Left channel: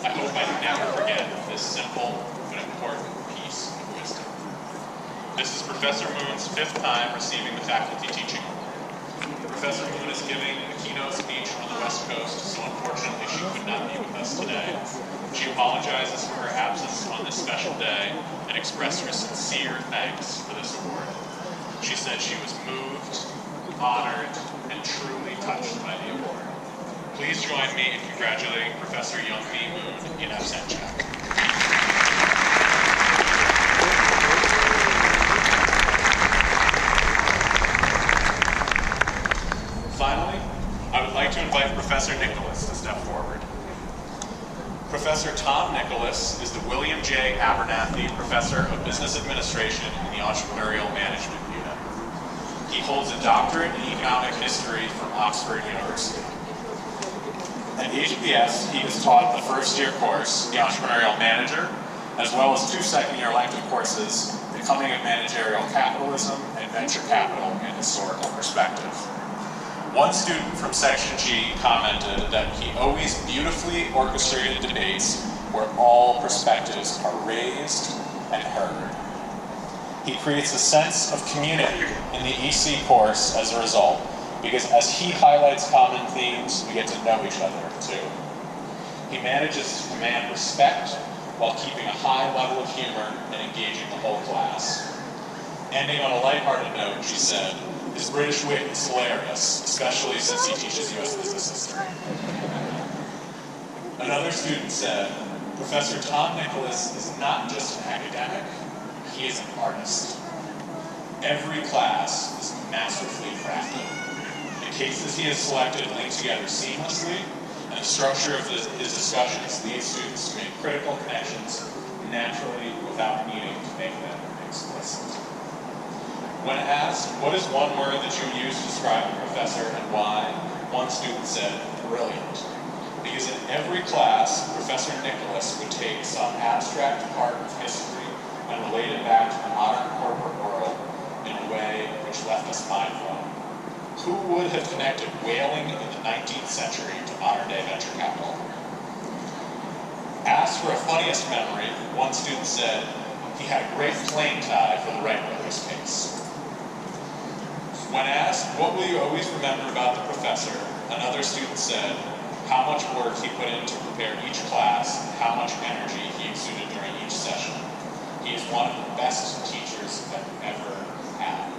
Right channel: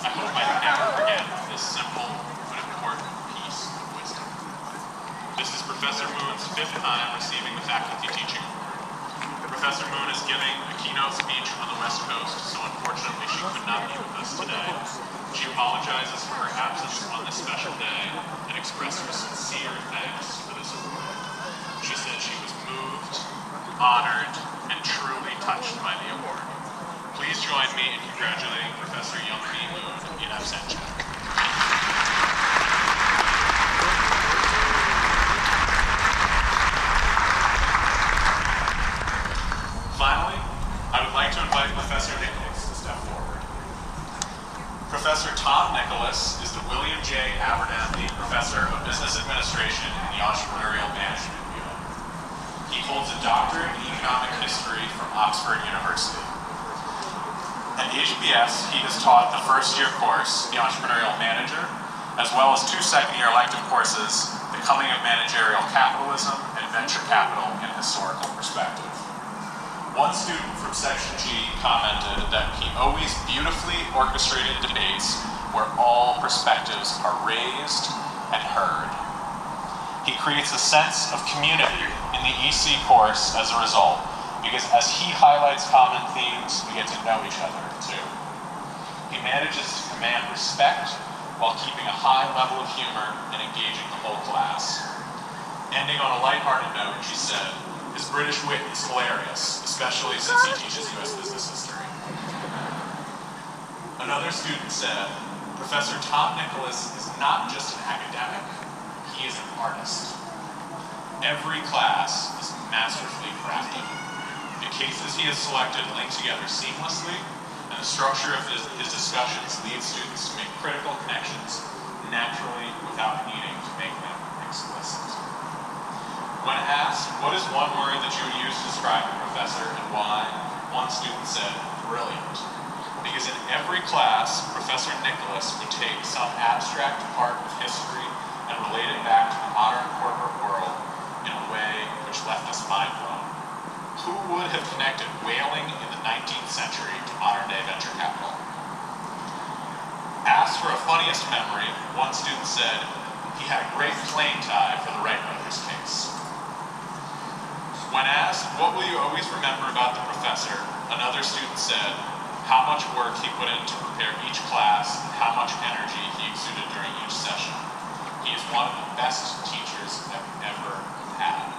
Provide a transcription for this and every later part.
I hope I never forget this simple but important piece of wisdom. This is Professor Moon's 5th time receiving the Faculty Teaching Award. Professor Moon is giving a keynote speech on the West Coast, so unfortunately she could not be with us today. She apologizes for her absence on this special day and expressed her sincere thanks for this award. She said she was moved, honored, and truly touched by the award. Please join me in congratulating Professor Young B. Moon in absentia. Finally, I would like to invite Professor Nicholas to step forward. Professor Tom Nicholas is the William J. Abernathy Professor of Business Administration in the Entrepreneurial Management Unit. He holds a doctorate in economic history from Oxford University. At HBS, he has taught the first-year course, The Entrepreneurial Manager, as well as 2 second-year elective courses, Becoming of Managerial Capitalism and Venture Capital in Historical Perspective. One student from Section G commented that he always beautifully orchestrated debates where all perspectives are raised and heard. He creates a sense of community in the EC course as a result, because as he highlights common themes, we get to know each other too. He manages to command respect while keeping a high level of humor and engaging the whole class. Ending on a lighthearted note, she said, "His British wit is hilarious, especially since he teaches U.S. business history." Another student said, "Professor Tom Nicholas is not just an academic, he is an artist. Every class is masterfully crafted. The cases he has selected link together seamlessly, and the structure of his discussions leads students to make critical connections naturally without needing to make them explicit." When asked, what is one word that you would use to describe a professor and why, one student said, "Brilliant." Because in every class, Professor Nicholas would take some abstract part of history and relate it back to the modern corporate world in a way which left us mind-blown. Who would have connected whaling in the 19th century to modern-day venture capital? Asked for a funniest memory, one student said he had a great plane tie for the Wright brothers case. When asked, what will you always remember about the professor, another student said how much work he put in to prepare each class and how much energy he exuded during each session. He is one of the best teachers I've ever had.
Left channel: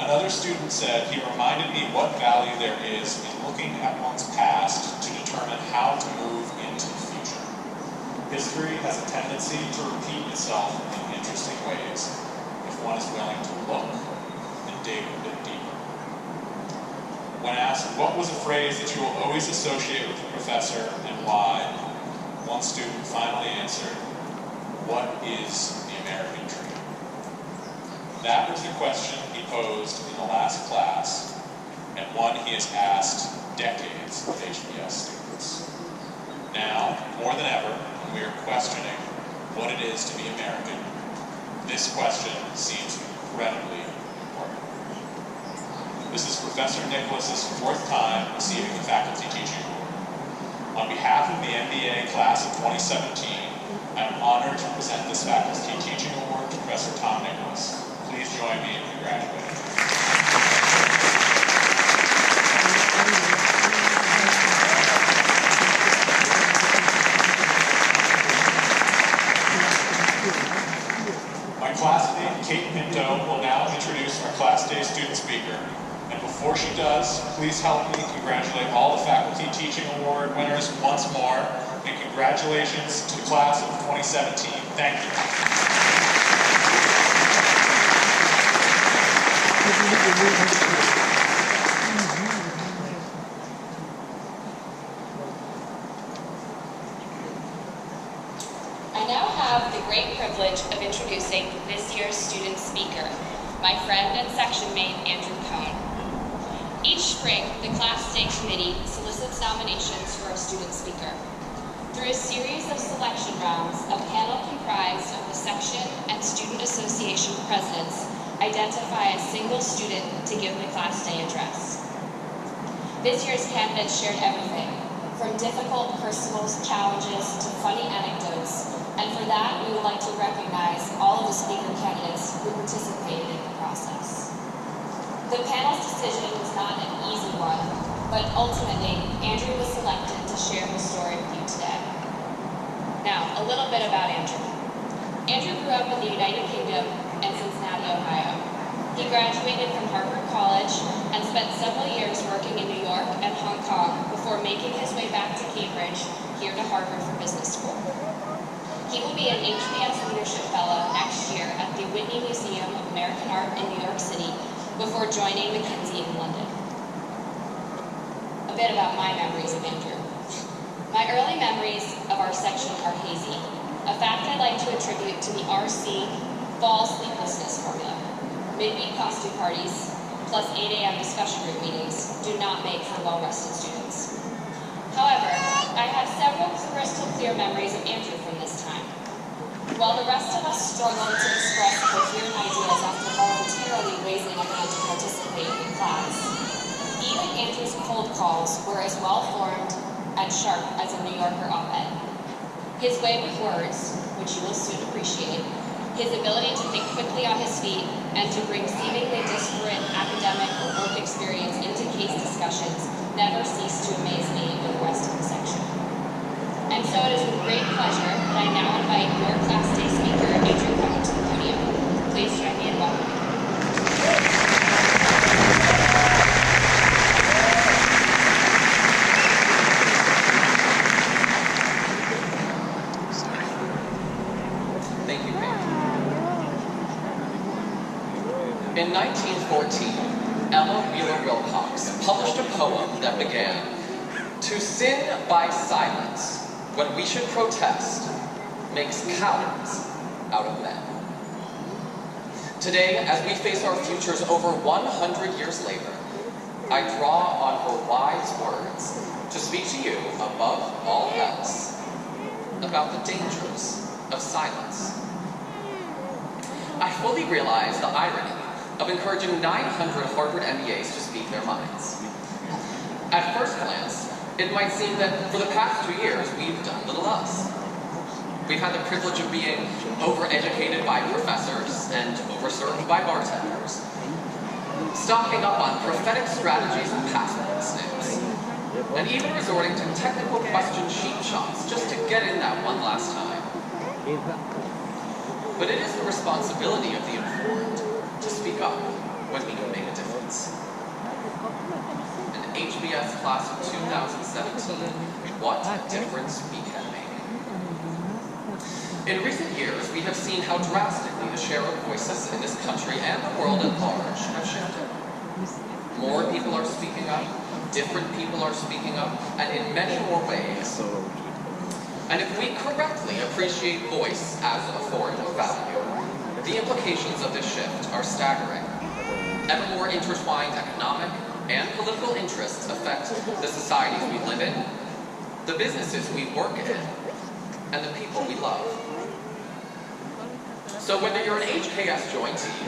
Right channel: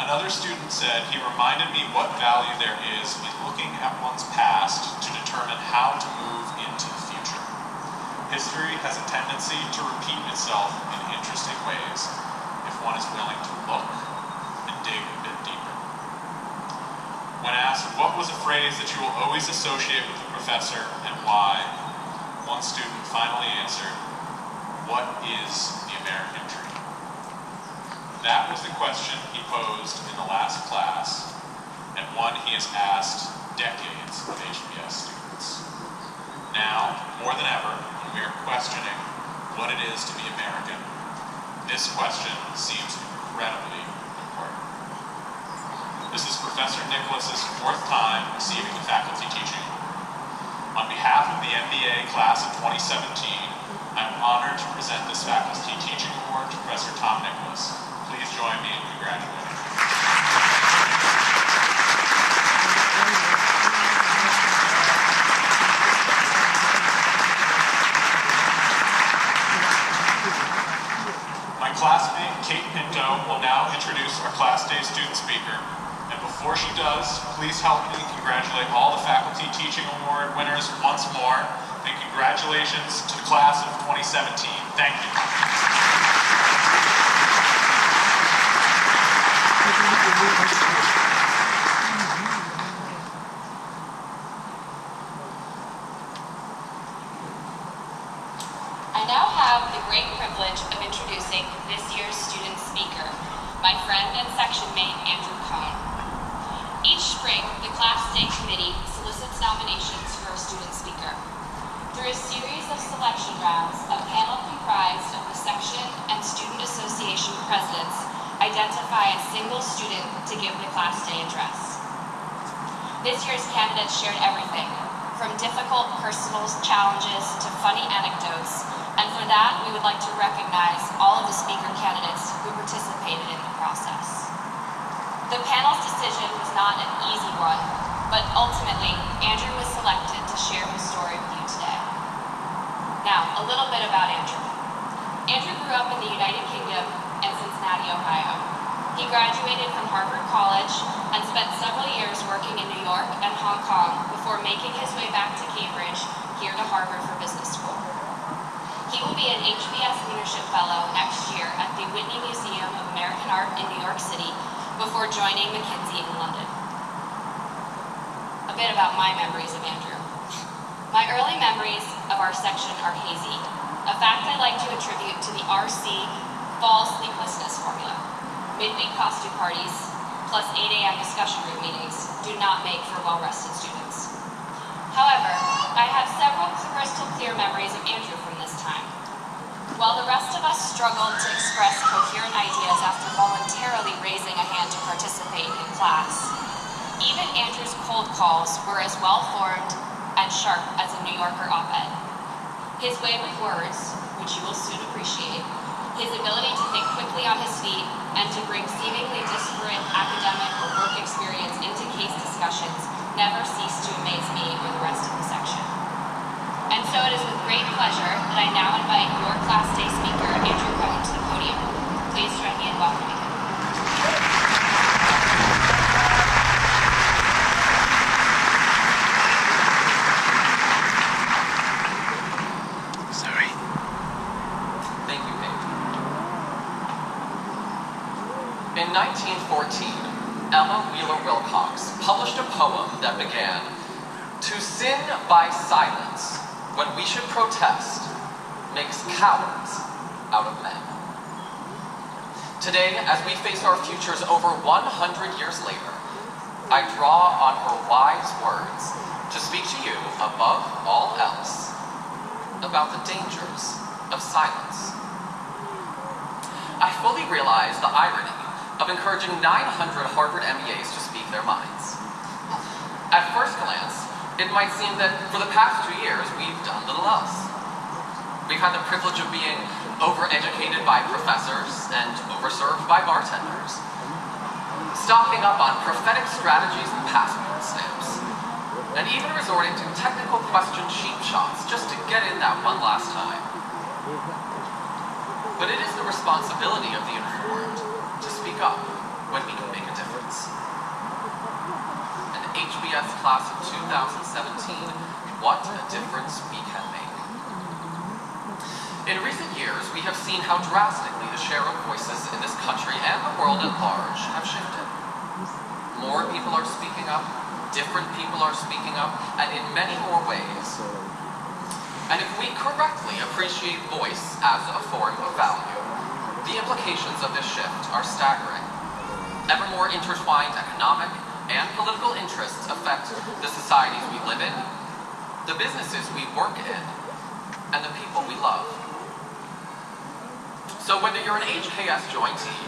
Another student said he reminded me what value there is in looking at one's past to determine how to move into the future. History has a tendency to repeat itself in interesting ways if one is willing to look and dig a bit deeper. When asked what was a phrase that you will always associate with the professor and why, one student finally answered, "What is the American dream?" That was the question he posed in the last class, and one he has asked decades of HBS students. Now, more than ever, when we are questioning what it is to be American, this question seems incredibly important. This is Professor Nicholas's 4th time receiving the Faculty Teaching Award. On behalf of the MBA class of 2017, I'm honored to present this Faculty Teaching Award to Professor Tom Nicholas. Please join me in congratulating him. My classmate, Kate Pinto, will now introduce our Class Day student speaker. And before she does, please help me congratulate all the Faculty Teaching Award winners once more. And congratulations to the class of 2017. Thank you. I now have the great privilege of introducing this year's student speaker, my friend and section mate, Andrew Cohn. Each spring, the Class Day Committee solicits nominations for our student speaker. Through a series of selection rounds, a panel comprised of the section and student association presidents identify a single student to give the Class Day address. This year's candidates shared everything, from difficult personal challenges to funny anecdotes, and for that, we would like to recognize all of the speaker candidates who participated in the process. The panel's decision was not an easy one, but ultimately, Andrew was selected to share his story with you today. Now, a little bit about Andrew. Andrew grew up in the United Kingdom and Cincinnati, Ohio. He graduated from Harvard College and spent several years working in New York and Hong Kong before making his way back to Cambridge, here to Harvard for business school. He will be an HBS Leadership Fellow next year at the Whitney Museum of American Art in New York City before joining McKinsey in London. A bit about my memories of Andrew. My early memories of our section are hazy, a fact I like to attribute to the RC fall sleeplessness formula. Midweek costume parties, plus 8 a.m. discussion group meetings do not make for well-rested students. However, I have several crystal clear memories of Andrew from this time. While the rest of us struggled to express coherent ideas after voluntarily raising a hand to participate in class, even Andrew's cold calls were as well-formed and sharp as a New Yorker op-ed. His way with words, which you will soon appreciate, his ability to think quickly on his feet and to bring seemingly disparate academic or work experience into case discussions never ceased to amaze me or the rest of the section. And so it is with great pleasure that I now invite your Class Day speaker, Andrew Cohn, to the podium. Please join me in welcoming him. Sorry. Thank you, Paige. In 1914, Ella Wheeler Wilcox published a poem that began, "To sin by silence, when we should protest, makes cowards out of men." Today, as we face our futures over 100 years later, I draw on her wise words to speak to you, above all else, about the dangers of silence. I fully realize the irony of encouraging 900 Harvard MBAs to speak their minds. At first glance, it might seem that for the past 2 years, we've done little else. We've had the privilege of being overeducated by professors and overserved by bartenders, stocking up on prophetic strategies and passport stamps, and even resorting to technical question sheet shots just to get in that one last time. But it is the responsibility of the informed to speak up when we can make a difference. An HBS class of 2017, what a difference we can make. In recent years, we have seen how drastically the share of voices in this country and the world at large have shifted. More people are speaking up, different people are speaking up, and in many more ways. And if we correctly appreciate voice as a form of value, the implications of this shift are staggering. Ever more intertwined economic and political interests affect the societies we live in, the businesses we work in, and the people we love. So whether you're an HKS jointee